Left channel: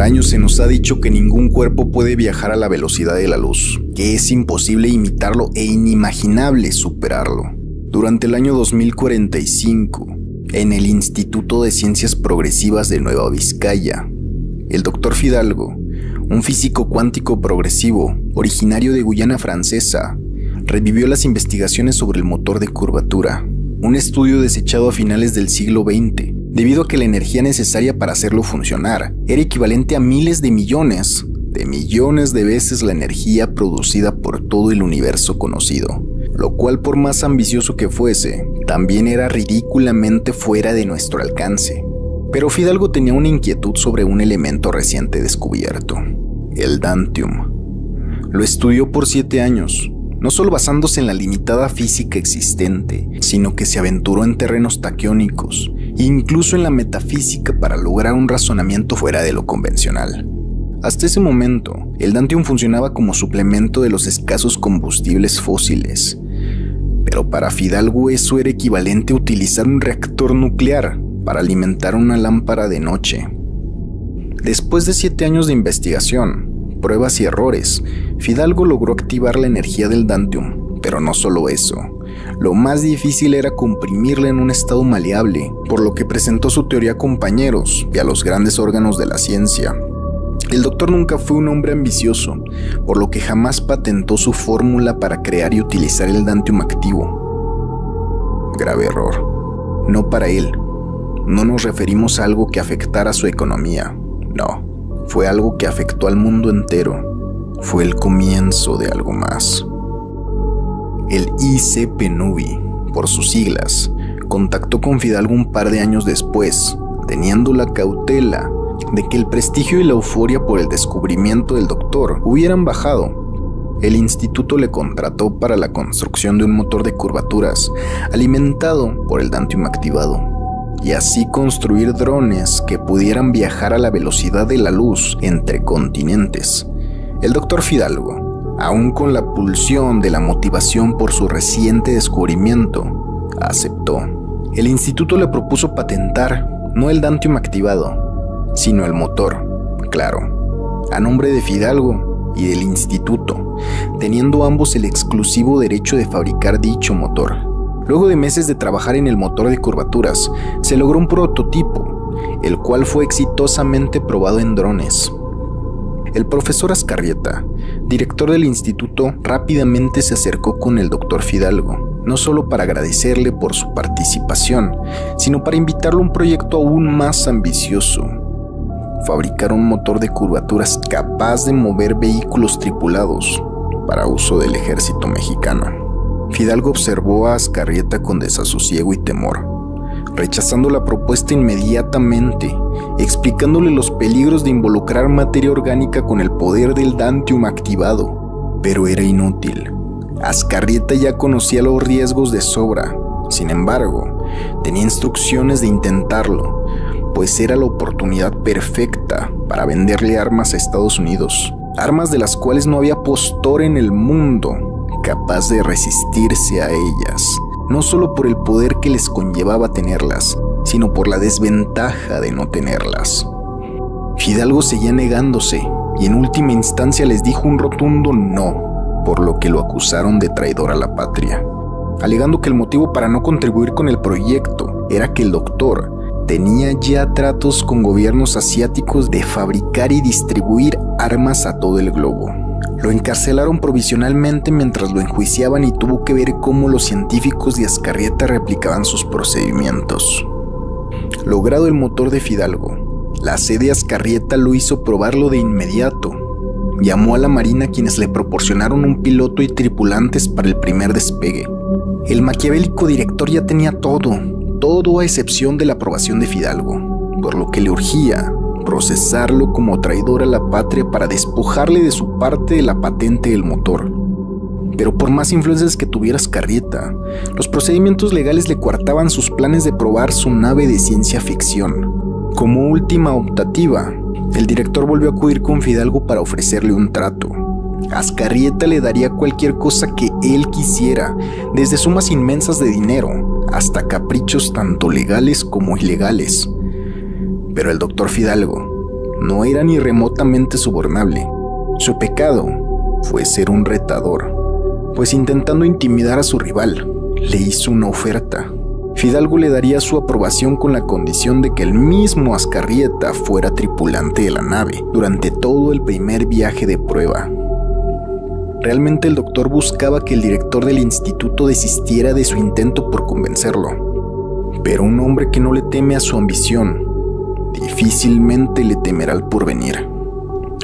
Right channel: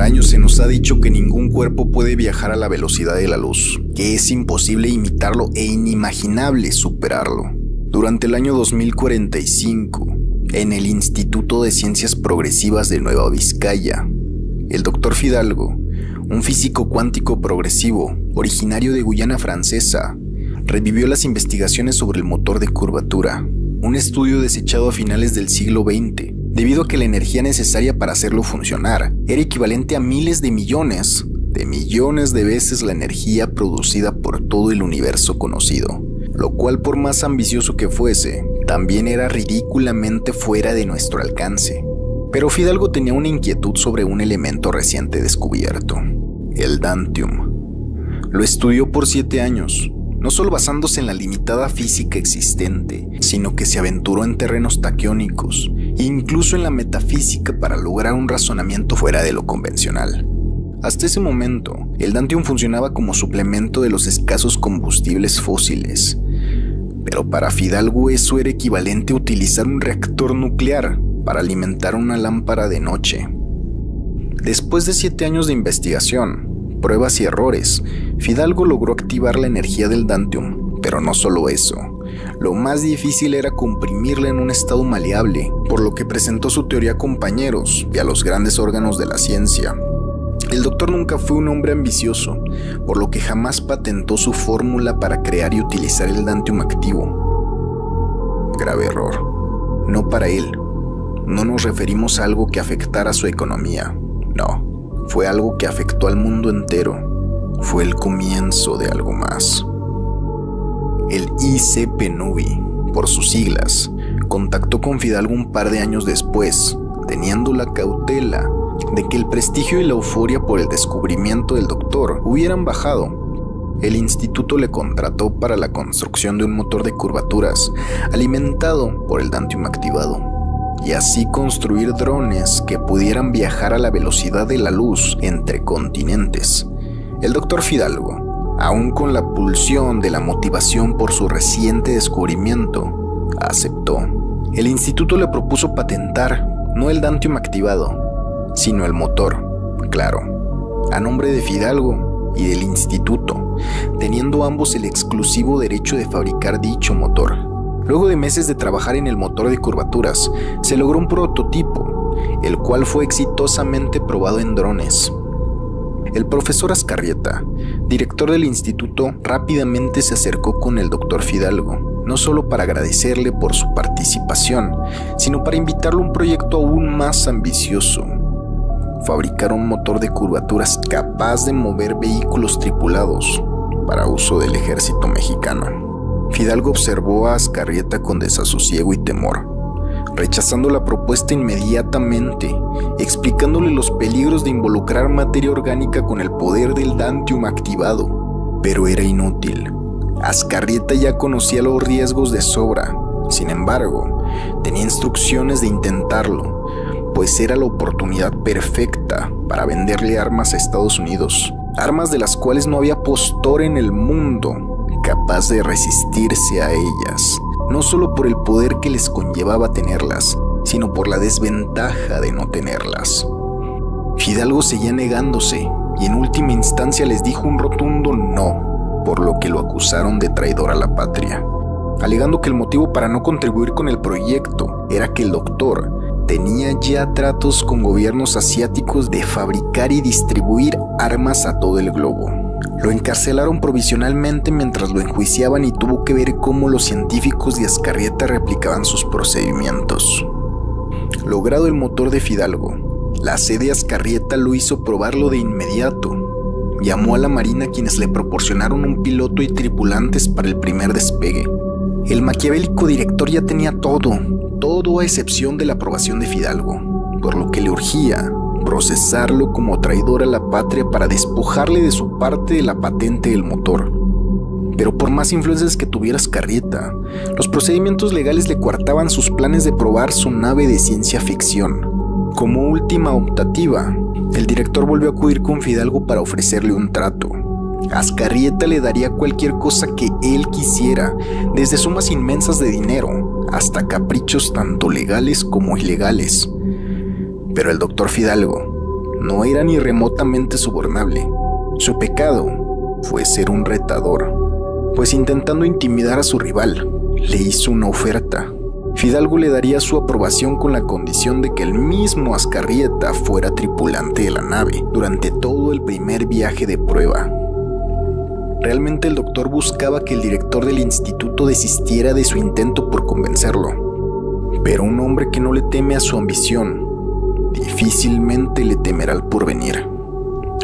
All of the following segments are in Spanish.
Por años se nos ha dicho que ningún cuerpo puede viajar a la velocidad de la luz, que es imposible imitarlo e inimaginable superarlo. Durante el año 2045, en el Instituto de Ciencias Progresivas de Nueva Vizcaya, el Dr. Fidalgo, un físico cuántico progresivo, originario de Guyana Francesa, revivió las investigaciones sobre el motor de curvatura, un estudio desechado a finales del siglo XX, debido a que la energía necesaria para hacerlo funcionar era equivalente a miles de millones de veces la energía producida por todo el universo conocido, lo cual, por más ambicioso que fuese, también era ridículamente fuera de nuestro alcance. Pero Fidalgo tenía una inquietud sobre un elemento reciente descubierto, el Dantium. Lo estudió por 7 años, no solo basándose en la limitada física existente, sino que se aventuró en terrenos taquiónicos, incluso en la metafísica para lograr un razonamiento fuera de lo convencional. Hasta ese momento, el Dantium funcionaba como suplemento de los escasos combustibles fósiles, pero para Fidalgo eso era equivalente a utilizar un reactor nuclear para alimentar una lámpara de noche. Después de 7 años de investigación, pruebas y errores, Fidalgo logró activar la energía del Dantium, pero no solo eso. Lo más difícil era comprimirla en un estado maleable, por lo que presentó su teoría a compañeros y a los grandes órganos de la ciencia. El doctor nunca fue un hombre ambicioso, por lo que jamás patentó su fórmula para crear y utilizar el Dantium activo. Grave error. No para él. No nos referimos a algo que afectara su economía. No, fue algo que afectó al mundo entero. Fue el comienzo de algo más. El ICPNUVI, por sus siglas, contactó con Fidalgo un par de años después, teniendo la cautela de que el prestigio y la euforia por el descubrimiento del doctor hubieran bajado. El instituto le contrató para la construcción de un motor de curvaturas alimentado por el Dantium activado, y así construir drones que pudieran viajar a la velocidad de la luz entre continentes. El doctor Fidalgo, aún con la pulsión de la motivación por su reciente descubrimiento, aceptó. El instituto le propuso patentar no el Dantium activado, sino el motor, claro, a nombre de Fidalgo y del instituto, teniendo ambos el exclusivo derecho de fabricar dicho motor. Luego de meses de trabajar en el motor de curvaturas, se logró un prototipo, el cual fue exitosamente probado en drones. El profesor Azcarrieta, director del instituto, rápidamente se acercó con el doctor Fidalgo, no solo para agradecerle por su participación, sino para invitarlo a un proyecto aún más ambicioso: fabricar un motor de curvaturas capaz de mover vehículos tripulados para uso del ejército mexicano. Fidalgo observó a Azcarrieta con desasosiego y temor, rechazando la propuesta inmediatamente, explicándole los peligros de involucrar materia orgánica con el poder del Dantium activado. Pero era inútil. Azcarrieta ya conocía los riesgos de sobra. Sin embargo, tenía instrucciones de intentarlo, pues era la oportunidad perfecta para venderle armas a Estados Unidos, armas de las cuales no había postor en el mundo capaz de resistirse a ellas, no solo por el poder que les conllevaba tenerlas, sino por la desventaja de no tenerlas. Fidalgo seguía negándose y en última instancia les dijo un rotundo no, por lo que lo acusaron de traidor a la patria, alegando que el motivo para no contribuir con el proyecto era que el doctor tenía ya tratos con gobiernos asiáticos de fabricar y distribuir armas a todo el globo. Lo encarcelaron provisionalmente mientras lo enjuiciaban y tuvo que ver cómo los científicos de Azcarrieta replicaban sus procedimientos. Logrado el motor de Fidalgo, la sede Azcarrieta lo hizo probarlo de inmediato. Llamó a la Marina, quienes le proporcionaron un piloto y tripulantes para el primer despegue. El maquiavélico director ya tenía todo a excepción de la aprobación de Fidalgo, por lo que le urgía procesarlo como traidor a la patria para despojarle de su parte de la patente del motor. Pero por más influencias que tuviera Azcarrieta, los procedimientos legales le coartaban sus planes de probar su nave de ciencia ficción. Como última optativa, el director volvió a acudir con Fidalgo para ofrecerle un trato. Azcarrieta le daría cualquier cosa que él quisiera, desde sumas inmensas de dinero hasta caprichos tanto legales como ilegales. Pero el doctor Fidalgo no era ni remotamente sobornable. Su pecado fue ser un retador, pues intentando intimidar a su rival, le hizo una oferta. Fidalgo le daría su aprobación con la condición de que el mismo Azcarrieta fuera tripulante de la nave durante todo el primer viaje de prueba. Realmente el doctor buscaba que el director del instituto desistiera de su intento por convencerlo. Pero un hombre que no le teme a su ambición, difícilmente le temerá al porvenir.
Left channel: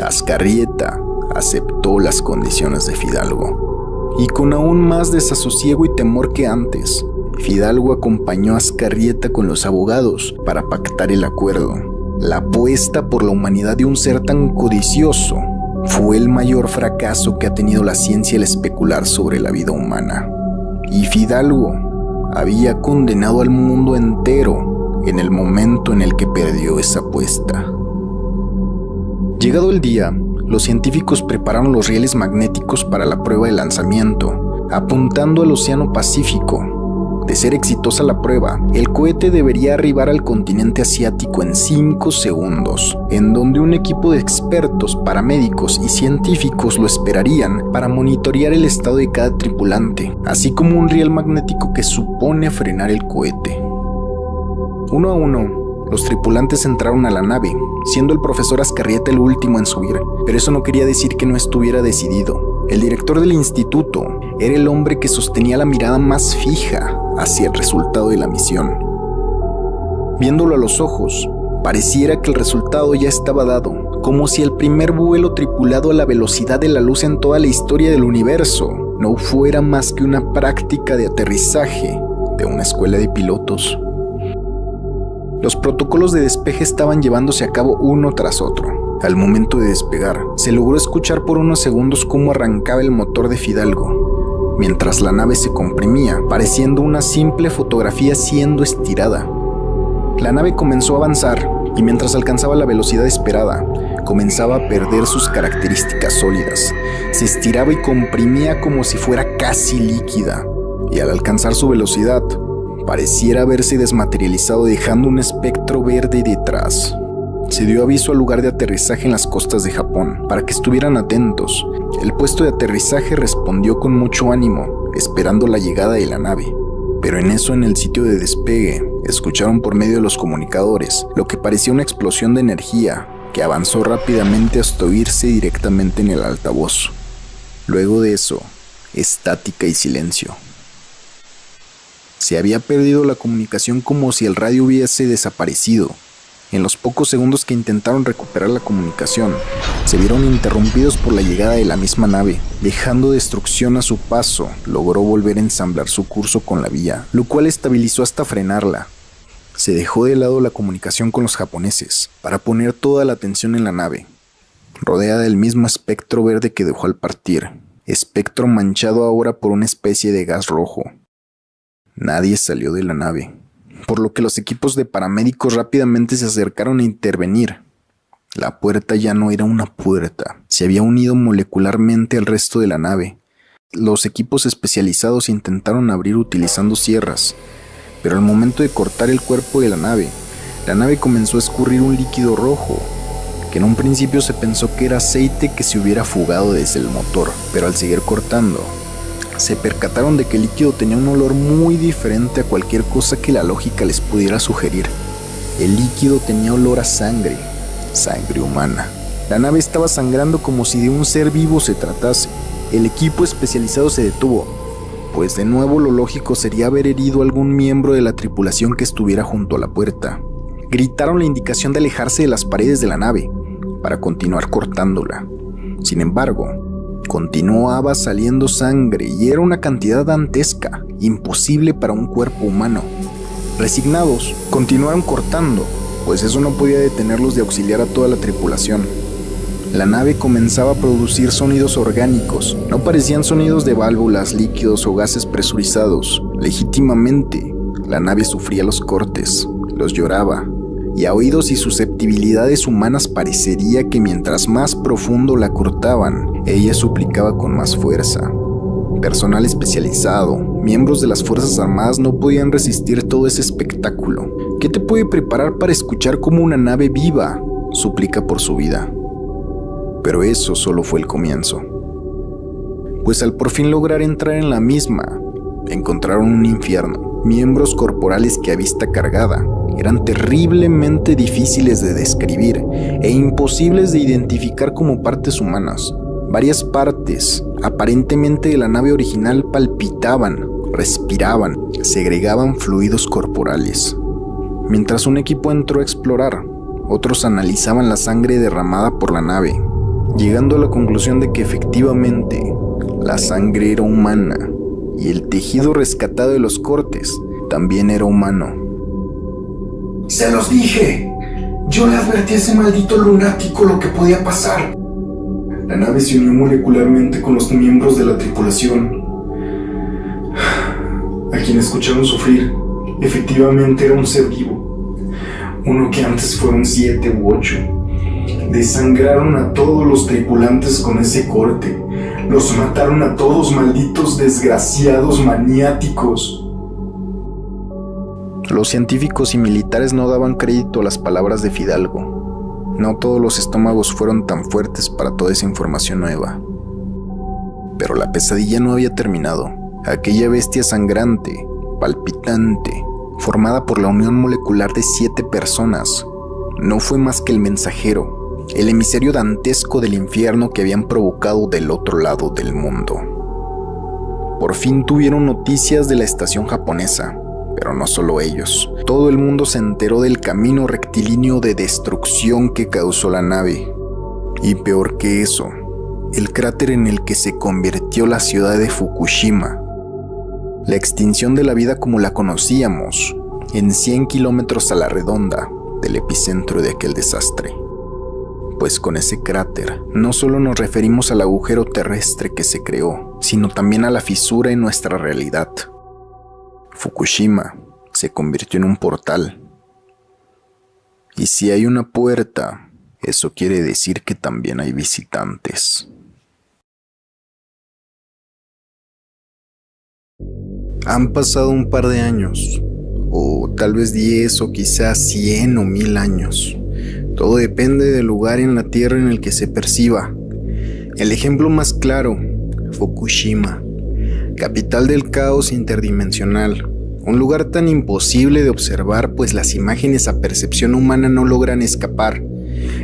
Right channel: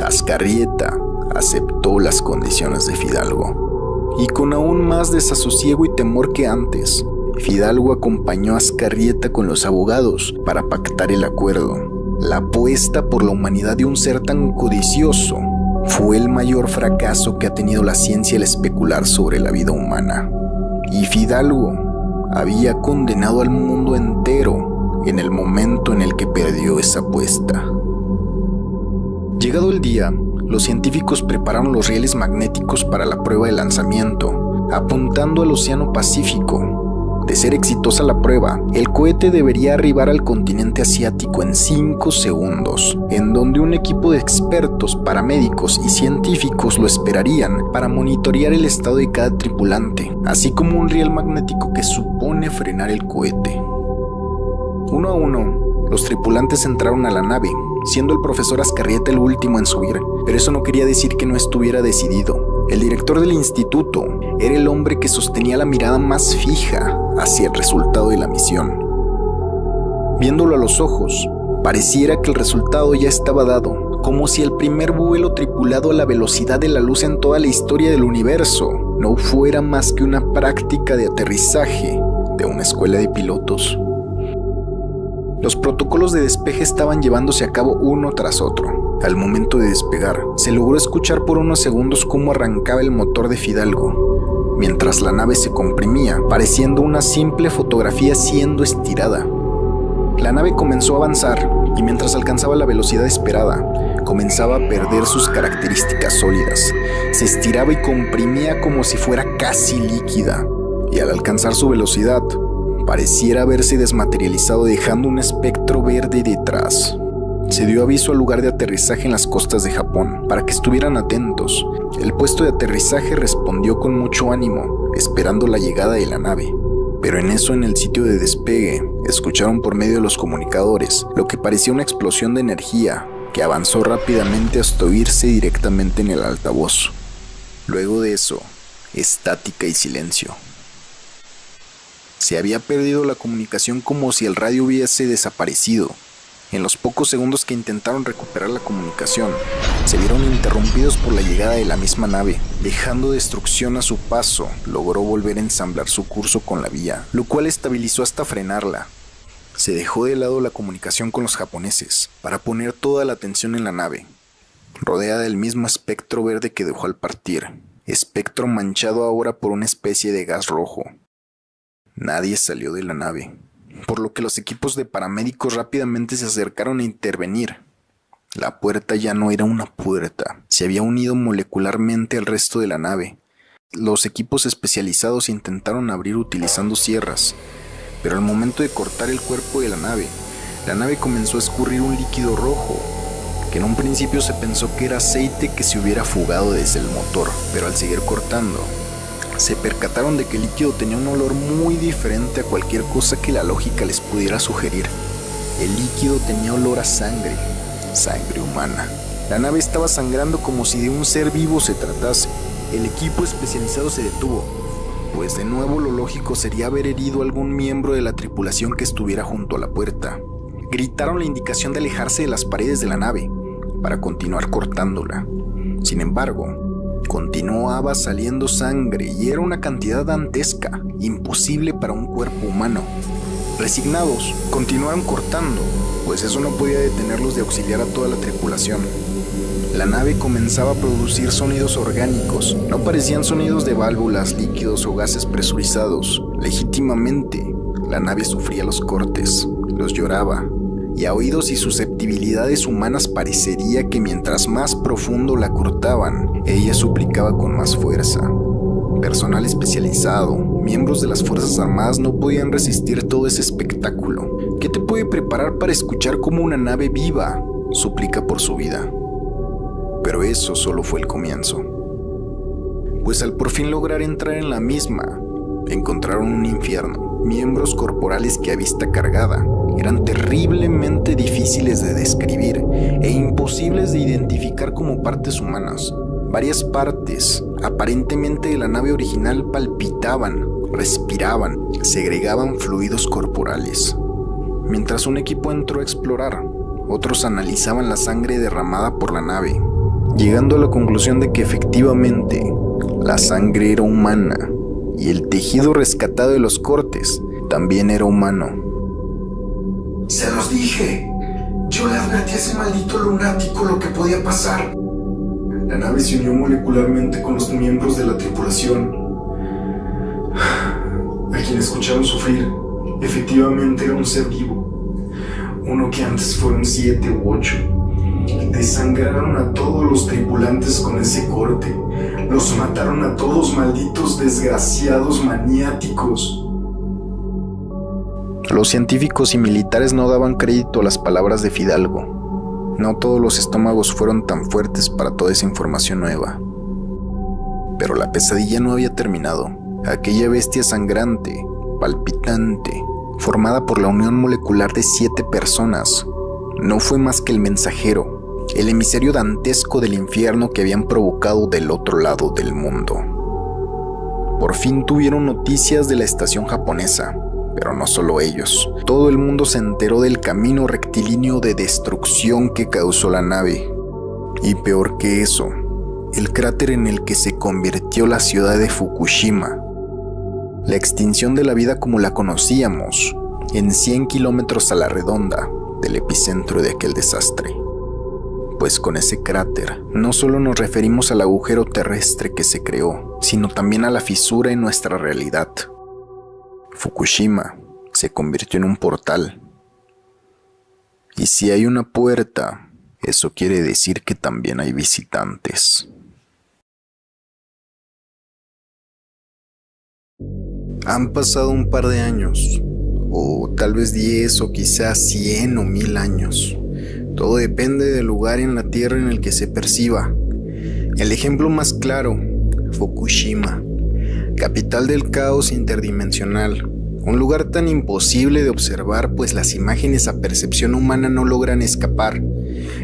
Azcarrieta aceptó las condiciones de Fidalgo. Y con aún más desasosiego y temor que antes, Fidalgo acompañó a Azcarrieta con los abogados para pactar el acuerdo. La apuesta por la humanidad de un ser tan codicioso fue el mayor fracaso que ha tenido la ciencia al especular sobre la vida humana. Y Fidalgo había condenado al mundo entero en el momento en el que perdió esa apuesta. Llegado el día, los científicos prepararon los rieles magnéticos para la prueba de lanzamiento, apuntando al Océano Pacífico. De ser exitosa la prueba, el cohete debería arribar al continente asiático en 5 segundos, en donde un equipo de expertos, paramédicos y científicos lo esperarían para monitorear el estado de cada tripulante, así como un riel magnético que supone frenar el cohete. Uno a uno, los tripulantes entraron a la nave, siendo el profesor Azcarrieta el último en subir, pero eso no quería decir que no estuviera decidido. El director del instituto era el hombre que sostenía la mirada más fija hacia el resultado de la misión. Viéndolo a los ojos, pareciera que el resultado ya estaba dado, como si el primer vuelo tripulado a la velocidad de la luz en toda la historia del universo no fuera más que una práctica de aterrizaje de una escuela de pilotos. Los protocolos de despeje estaban llevándose a cabo uno tras otro. Al momento de despegar, se logró escuchar por unos segundos cómo arrancaba el motor de Fidalgo, mientras la nave se comprimía, pareciendo una simple fotografía siendo estirada. La nave comenzó a avanzar, y mientras alcanzaba la velocidad esperada, comenzaba a perder sus características sólidas. Se estiraba y comprimía como si fuera casi líquida, y al alcanzar su velocidad, pareciera haberse desmaterializado dejando un espectro verde detrás. Se dio aviso al lugar de aterrizaje en las costas de Japón, para que estuvieran atentos. El puesto de aterrizaje respondió con mucho ánimo, esperando la llegada de la nave. Pero en eso, en el sitio de despegue, escucharon por medio de los comunicadores lo que parecía una explosión de energía, que avanzó rápidamente hasta oírse directamente en el altavoz. Luego de eso, estática y silencio. Se había perdido la comunicación como si el radio hubiese desaparecido. En los pocos segundos que intentaron recuperar la comunicación, se vieron interrumpidos por la llegada de la misma nave. Dejando destrucción a su paso, logró volver a ensamblar su curso con la vía, lo cual estabilizó hasta frenarla. Se dejó de lado la comunicación con los japoneses, para poner toda la atención en la nave, rodeada del mismo espectro verde que dejó al partir, espectro manchado ahora por una especie de gas rojo. Nadie salió de la nave, por lo que los equipos de paramédicos rápidamente se acercaron a intervenir. La puerta ya no era una puerta, se había unido molecularmente al resto de la nave. Los equipos especializados intentaron abrir utilizando sierras, pero al momento de cortar el cuerpo de la nave comenzó a escurrir un líquido rojo, que en un principio se pensó que era aceite que se hubiera fugado desde el motor, pero al seguir cortando, se percataron de que el líquido tenía un olor muy diferente a cualquier cosa que la lógica les pudiera sugerir. El líquido tenía olor a sangre humana. La nave estaba sangrando como si de un ser vivo se tratase. El equipo especializado se detuvo, pues de nuevo lo lógico sería haber herido a algún miembro de la tripulación que estuviera junto a la puerta. Gritaron la indicación de alejarse de las paredes de la nave para continuar cortándola. Sin embargo, continuaba saliendo sangre y era una cantidad dantesca, imposible para un cuerpo humano. Resignados, continuaron cortando, pues eso no podía detenerlos de auxiliar a toda la tripulación. La nave comenzaba a producir sonidos orgánicos, no parecían sonidos de válvulas, líquidos o gases presurizados. Legítimamente, la nave sufría los cortes, los lloraba, y a oídos y susceptibilidades humanas parecería que mientras más profundo la cortaban, ella suplicaba con más fuerza. Personal especializado, miembros de las Fuerzas Armadas no podían resistir todo ese espectáculo. ¿Qué te puede preparar para escuchar cómo una nave viva suplica por su vida. Pero eso solo fue el comienzo. Pues al por fin lograr entrar en la misma, encontraron un infierno, miembros corporales que a vista cargada eran terriblemente difíciles de describir e imposibles de identificar como partes humanas. Varias partes, aparentemente de la nave original, palpitaban, respiraban, segregaban fluidos corporales. Mientras un equipo entró a explorar, otros analizaban la sangre derramada por la nave, llegando a la conclusión de que efectivamente la sangre era humana y el tejido rescatado de los cortes también era humano. ¡Se los dije! Yo le advertí a ese maldito lunático lo que podía pasar. La nave se unió molecularmente con los miembros de la tripulación, a quien escucharon sufrir. Efectivamente era un ser vivo, uno que antes fueron 7 u 8. Desangraron a todos los tripulantes con ese corte. Los mataron a todos, malditos desgraciados maniáticos. Los científicos y militares no daban crédito a las palabras de Fidalgo. No todos los estómagos fueron tan fuertes para toda esa información nueva. Pero la pesadilla no había terminado. Aquella bestia sangrante, palpitante, formada por la unión molecular de 7 personas, no fue más que el mensajero, el emisario dantesco del infierno que habían provocado del otro lado del mundo. Por fin tuvieron noticias de la estación japonesa, pero no solo ellos. Todo el mundo se enteró del camino rectilíneo de destrucción que causó la nave. Y peor que eso, el cráter en el que se convirtió la ciudad de Fukushima. La extinción de la vida como la conocíamos, en 100 kilómetros a la redonda del epicentro de aquel desastre. Pues con ese cráter no solo nos referimos al agujero terrestre que se creó, sino también a la fisura en nuestra realidad. Fukushima se convirtió en un portal. Y si hay una puerta, eso quiere decir que también hay visitantes. Han pasado un par de años, o tal vez 10 o quizás 100 o 1000 años. Todo depende del lugar en la Tierra en el que se perciba. El ejemplo más claro, Fukushima, capital del caos interdimensional. Un lugar tan imposible de observar, pues las imágenes a percepción humana no logran escapar.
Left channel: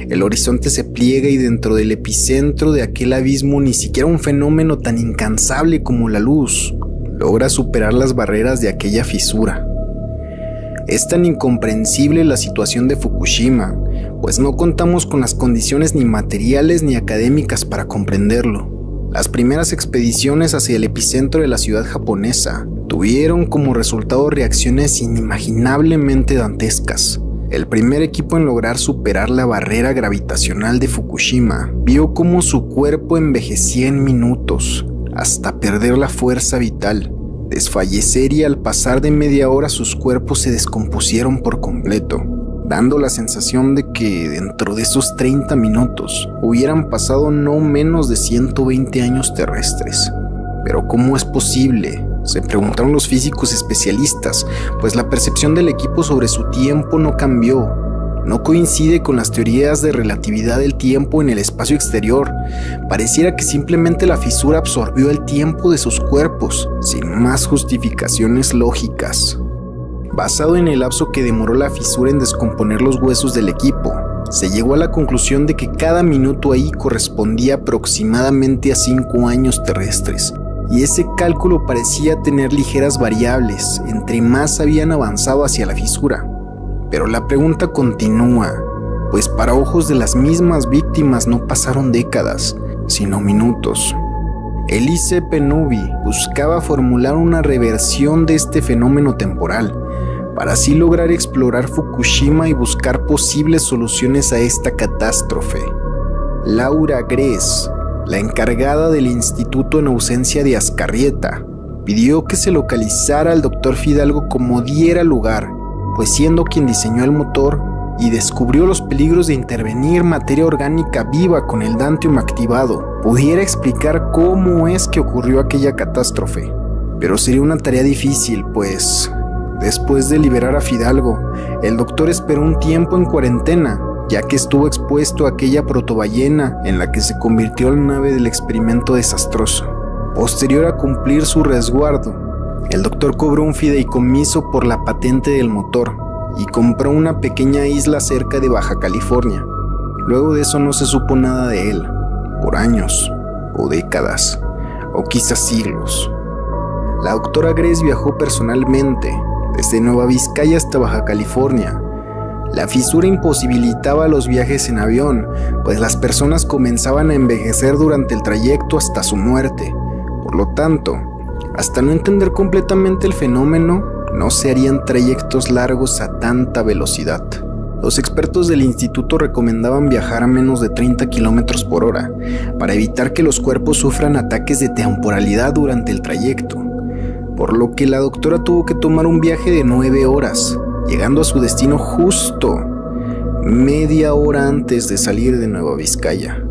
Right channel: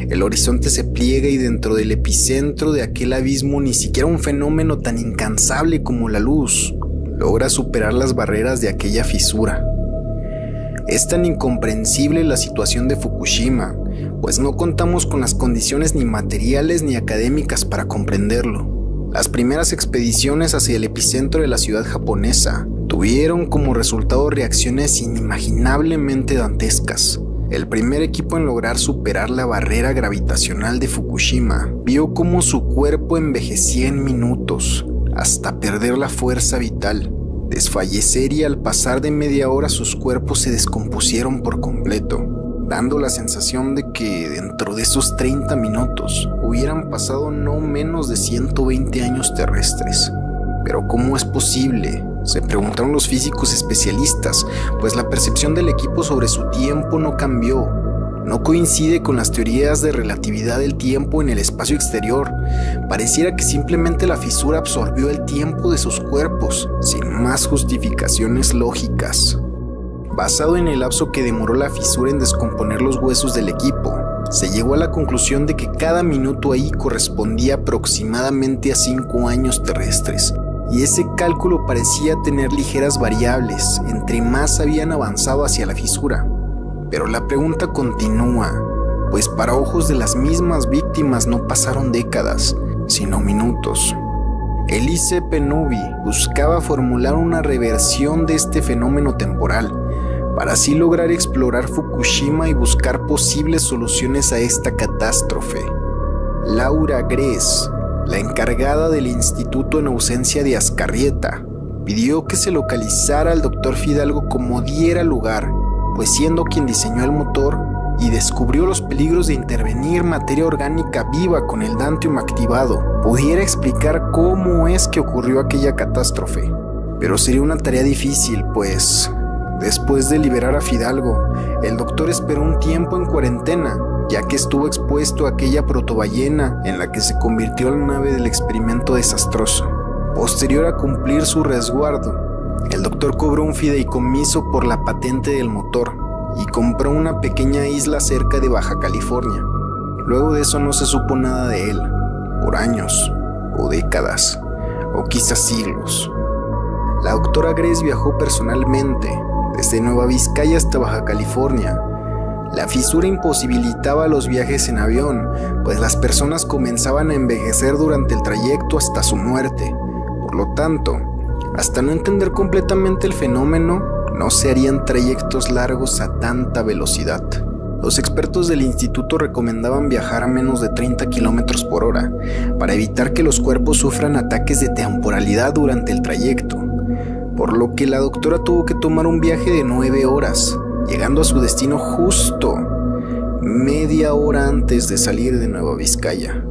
El horizonte se pliega y dentro del epicentro de aquel abismo ni siquiera un fenómeno tan incansable como la luz logra superar las barreras de aquella fisura. Es tan incomprensible la situación de Fukushima, pues no contamos con las condiciones ni materiales ni académicas para comprenderlo. Las primeras expediciones hacia el epicentro de la ciudad japonesa tuvieron como resultado reacciones inimaginablemente dantescas. El primer equipo en lograr superar la barrera gravitacional de Fukushima vio cómo su cuerpo envejecía en minutos, hasta perder la fuerza vital, desfallecer, y al pasar de media hora sus cuerpos se descompusieron por completo, dando la sensación de que dentro de esos 30 minutos hubieran pasado no menos de 120 años terrestres. ¿Pero cómo es posible?, se preguntaron los físicos especialistas, pues la percepción del equipo sobre su tiempo no cambió. No coincide con las teorías de relatividad del tiempo en el espacio exterior. Pareciera que simplemente la fisura absorbió el tiempo de sus cuerpos, sin más justificaciones lógicas. Basado en el lapso que demoró la fisura en descomponer los huesos del equipo, se llegó a la conclusión de que cada minuto ahí correspondía aproximadamente a 5 años terrestres. Y ese cálculo parecía tener ligeras variables entre más habían avanzado hacia la fisura. Pero la pregunta continúa, pues para ojos de las mismas víctimas no pasaron décadas, sino minutos. Elise Penubi buscaba formular una reversión de este fenómeno temporal, para así lograr explorar Fukushima y buscar posibles soluciones a esta catástrofe. Laura Gress, la encargada del instituto en ausencia de Azcarrieta, pidió que se localizara al Dr. Fidalgo como diera lugar, pues siendo quien diseñó el motor y descubrió los peligros de intervenir materia orgánica viva con el Dantium activado, pudiera explicar cómo es que ocurrió aquella catástrofe. Pero sería una tarea difícil, pues después de liberar a Fidalgo, el doctor esperó un tiempo en cuarentena, ya que estuvo expuesto a aquella protoballena en la que se convirtió la nave del experimento desastroso. Posterior a cumplir su resguardo, el doctor cobró un fideicomiso por la patente del motor y compró una pequeña isla cerca de Baja California. Luego de eso no se supo nada de él, por años, o décadas, o quizás siglos. La doctora Grace viajó personalmente, desde Nueva Vizcaya hasta Baja California. La fisura imposibilitaba los viajes en avión, pues las personas comenzaban a envejecer durante el trayecto hasta su muerte. Por lo tanto, hasta no entender completamente el fenómeno, no se harían trayectos largos a tanta velocidad. Los expertos del instituto recomendaban viajar a menos de 30 km por hora para evitar que los cuerpos sufran ataques de temporalidad durante el trayecto, por lo que la doctora tuvo que tomar un viaje de 9 horas, llegando a su destino justo media hora antes de salir de Nueva Vizcaya.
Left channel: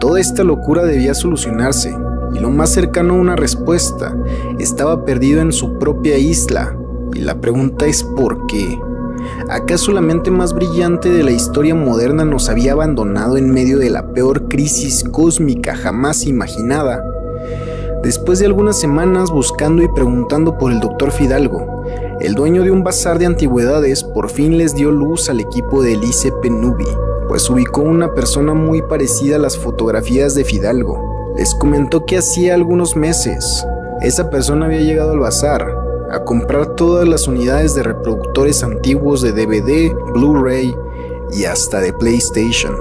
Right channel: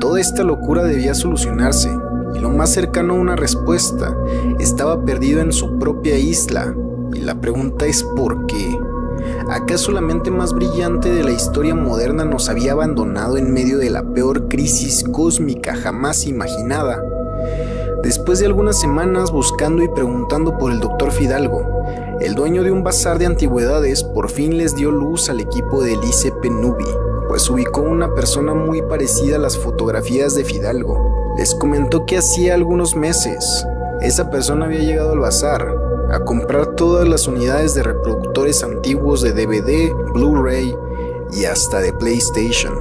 Toda esta locura debía solucionarse, y lo más cercano a una respuesta estaba perdido en su propia isla, y la pregunta es ¿por qué? ¿Acaso la mente más brillante de la historia moderna nos había abandonado en medio de la peor crisis cósmica jamás imaginada? Después de algunas semanas buscando y preguntando por el Dr. Fidalgo, el dueño de un bazar de antigüedades por fin les dio luz al equipo de Elise Penubi, pues ubicó una persona muy parecida a las fotografías de Fidalgo. Les comentó que hacía algunos meses esa persona había llegado al bazar a comprar todas las unidades de reproductores antiguos de DVD, Blu-ray y hasta de PlayStation.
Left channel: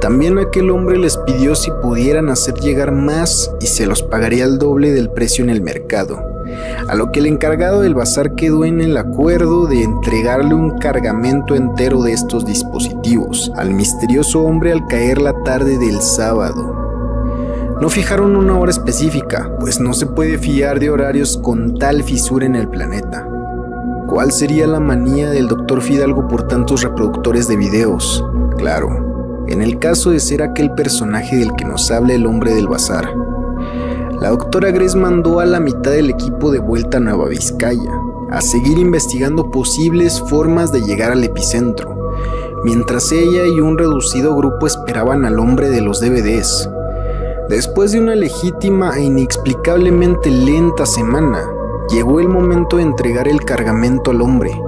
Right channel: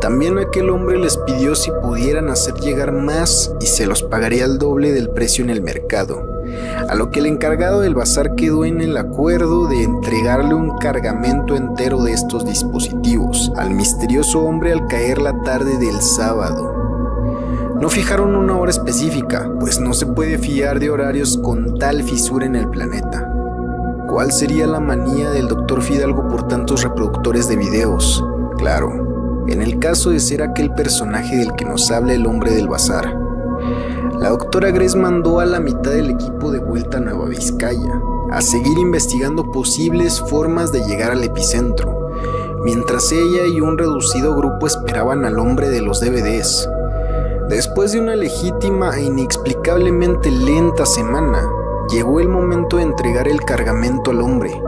También aquel hombre les pidió si pudieran hacer llegar más y se los pagaría al doble del precio en el mercado, a lo que el encargado del bazar quedó en el acuerdo de entregarle un cargamento entero de estos dispositivos al misterioso hombre al caer la tarde del sábado. No fijaron una hora específica, pues no se puede fiar de horarios con tal fisura en el planeta. ¿Cuál sería la manía del Dr. Fidalgo por tantos reproductores de videos? Claro, en el caso de ser aquel personaje del que nos habla el hombre del bazar. La doctora Grace mandó a la mitad del equipo de vuelta a Nueva Vizcaya, a seguir investigando posibles formas de llegar al epicentro, mientras ella y un reducido grupo esperaban al hombre de los DVDs. Después de una legítima e inexplicablemente lenta semana, llegó el momento de entregar el cargamento al hombre.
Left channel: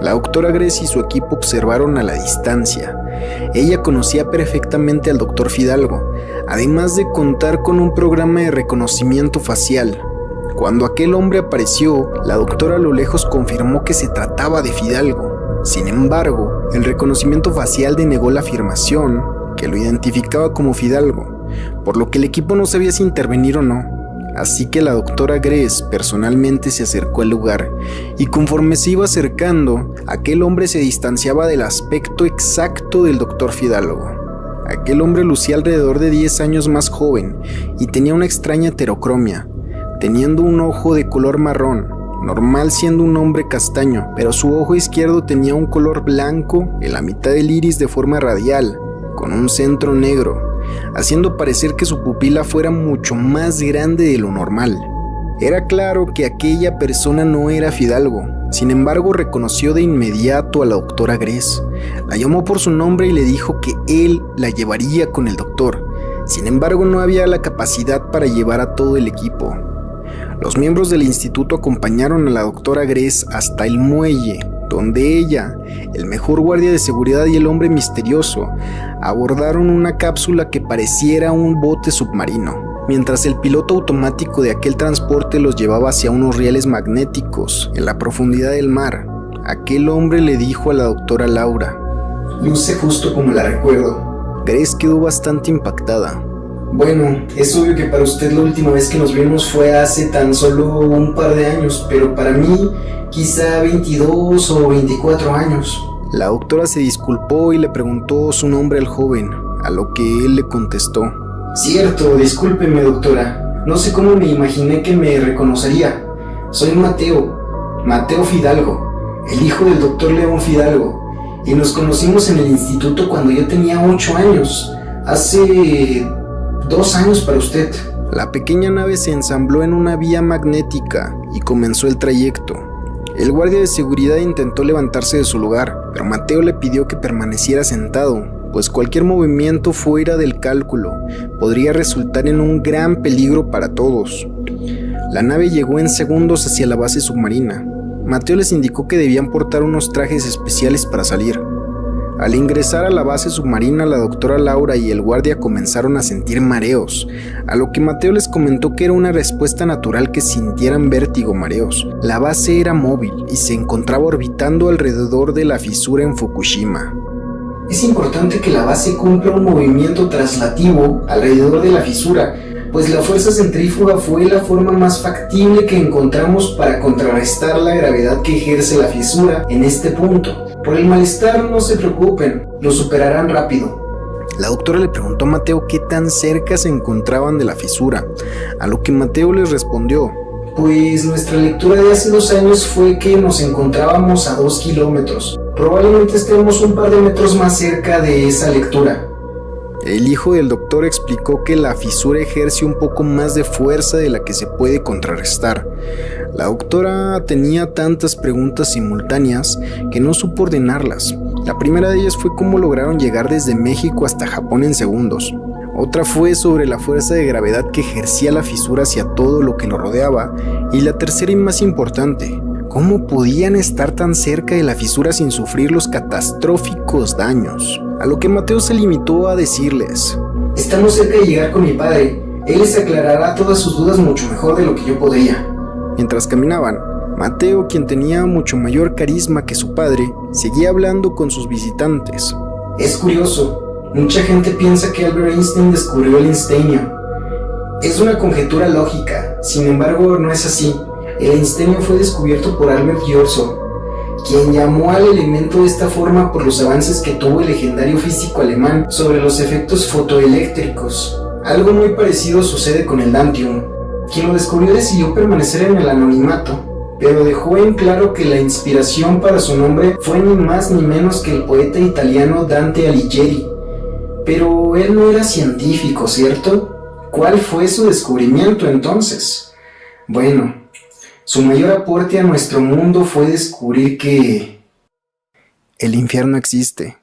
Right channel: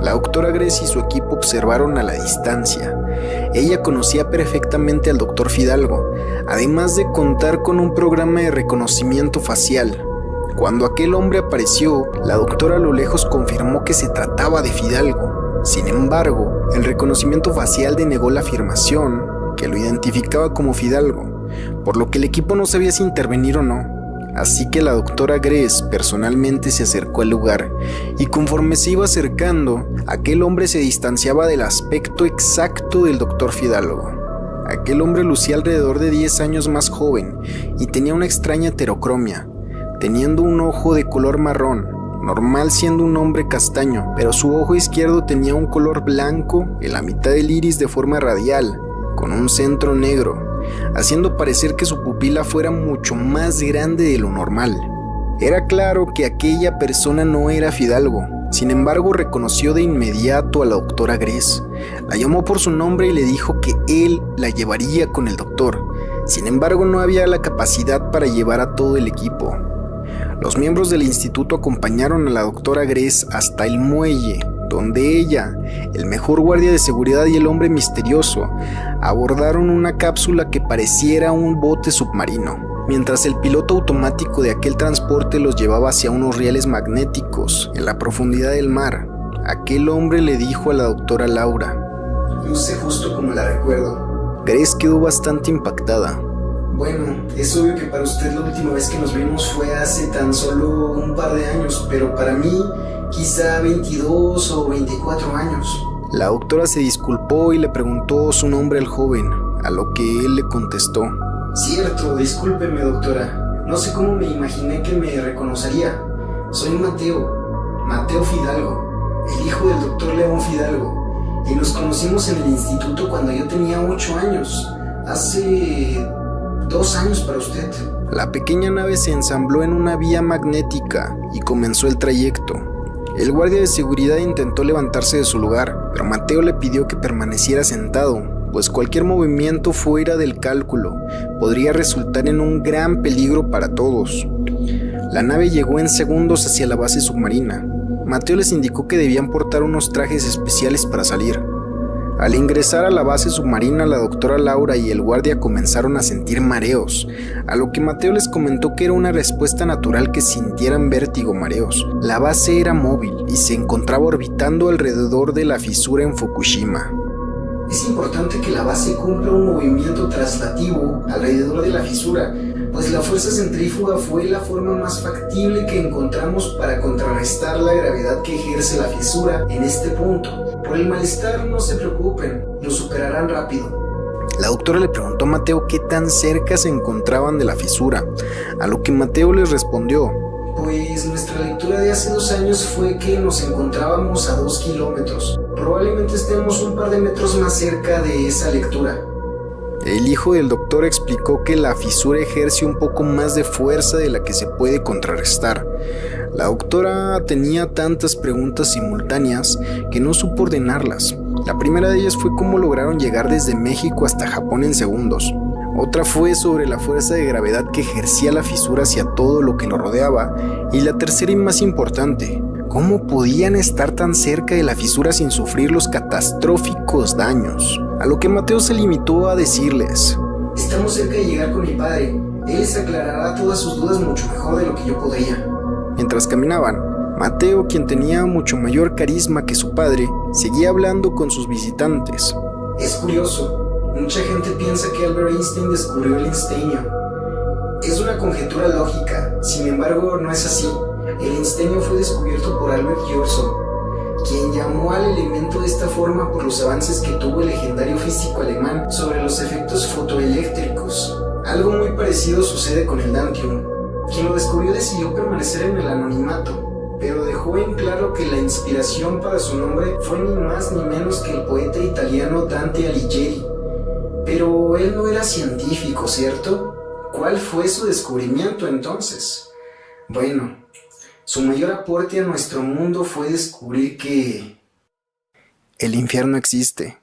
La doctora Grace y su equipo observaron a la distancia. Ella conocía perfectamente al Dr. Fidalgo, además de contar con un programa de reconocimiento facial. Cuando aquel hombre apareció, la doctora a lo lejos confirmó que se trataba de Fidalgo. Sin embargo, el reconocimiento facial denegó la afirmación que lo identificaba como Fidalgo, por lo que el equipo no sabía si intervenir o no. Así que la doctora Grace personalmente se acercó al lugar, y conforme se iba acercando, aquel hombre se distanciaba del aspecto exacto del Dr. Fidalgo. Aquel hombre lucía alrededor de 10 años más joven y tenía una extraña heterocromia, teniendo un ojo de color marrón, normal siendo un hombre castaño, pero su ojo izquierdo tenía un color blanco en la mitad del iris de forma radial, con un centro negro, haciendo parecer que su pupila fuera mucho más grande de lo normal. Era claro que aquella persona no era Fidalgo. Sin embargo, reconoció de inmediato a la doctora Grace. La llamó por su nombre y le dijo que él la llevaría con el doctor. Sin embargo, no había la capacidad para llevar a todo el equipo. Los miembros del instituto acompañaron a la doctora Grace hasta el muelle, donde ella, el mejor guardia de seguridad y el hombre misterioso abordaron una cápsula que pareciera un bote submarino, mientras el piloto automático de aquel transporte los llevaba hacia unos rieles magnéticos en la profundidad del mar. Aquel hombre le dijo a la doctora Laura: luce justo como la recuerdo. Grace quedó bastante impactada. Bueno, es obvio que para usted la última vez que nos vimos fue hace tan solo un par de años, pero para mí quizá 22 o 24 años. La doctora se disculpó y le preguntó su nombre al joven, a lo que él le contestó: cierto, discúlpeme doctora, no sé cómo me imaginé que me reconocería. Soy Mateo Fidalgo, el hijo del doctor León Fidalgo, y nos conocimos en el instituto cuando yo tenía 8 años, hace 2 años para usted. La pequeña nave se ensambló en una vía magnética y comenzó el trayecto. El guardia de seguridad intentó levantarse de su lugar, pero Mateo le pidió que permaneciera sentado, pues cualquier movimiento fuera del cálculo podría resultar en un gran peligro para todos. La nave llegó en segundos hacia la base submarina. Mateo les indicó que debían portar unos trajes especiales para salir. Al ingresar a la base submarina, la doctora Laura y el guardia comenzaron a sentir mareos, a lo que Mateo les comentó que era una respuesta natural que sintieran vértigo o mareos. La base era móvil y se encontraba orbitando alrededor de la fisura en Fukushima. Es importante que la base cumpla un movimiento traslativo alrededor de la fisura, pues la fuerza centrífuga fue la forma más factible que encontramos para contrarrestar la gravedad que ejerce la fisura en este punto. Por el malestar no se preocupen, lo superarán rápido. La doctora le preguntó a Mateo qué tan cerca se encontraban de la fisura, a lo que Mateo les respondió: Pues nuestra lectura de hace 2 años fue que nos encontrábamos a 2 kilómetros. Probablemente estemos un par de metros más cerca de esa lectura. El hijo del doctor explicó que la fisura ejerce un poco más de fuerza de la que se puede contrarrestar. La doctora tenía tantas preguntas simultáneas que no supo ordenarlas. La primera de ellas fue cómo lograron llegar desde México hasta Japón en segundos. Otra fue sobre la fuerza de gravedad que ejercía la fisura hacia todo lo que lo rodeaba. Y la tercera y más importante, ¿cómo podían estar tan cerca de la fisura sin sufrir los catastróficos daños? A lo que Mateo se limitó a decirles: Estamos cerca de llegar con mi padre. Él les aclarará todas sus dudas mucho mejor de lo que yo podría. Mientras caminaban, Mateo, quien tenía mucho mayor carisma que su padre, seguía hablando con sus visitantes. Es curioso, mucha gente piensa que Albert Einstein descubrió el einsteinio. Es una conjetura lógica, sin embargo no es así. El einsteinio fue descubierto por Albert Johnson, quien llamó al elemento de esta forma por los avances que tuvo el legendario físico alemán sobre los efectos fotoeléctricos. Algo muy parecido sucede con el Dantium. Quien lo descubrió decidió permanecer en el anonimato, pero dejó en claro que la inspiración para su nombre fue ni más ni menos que el poeta italiano Dante Alighieri. Pero él no era científico, ¿cierto? ¿Cuál fue su descubrimiento entonces? Bueno, su mayor aporte a nuestro mundo fue descubrir que el infierno existe.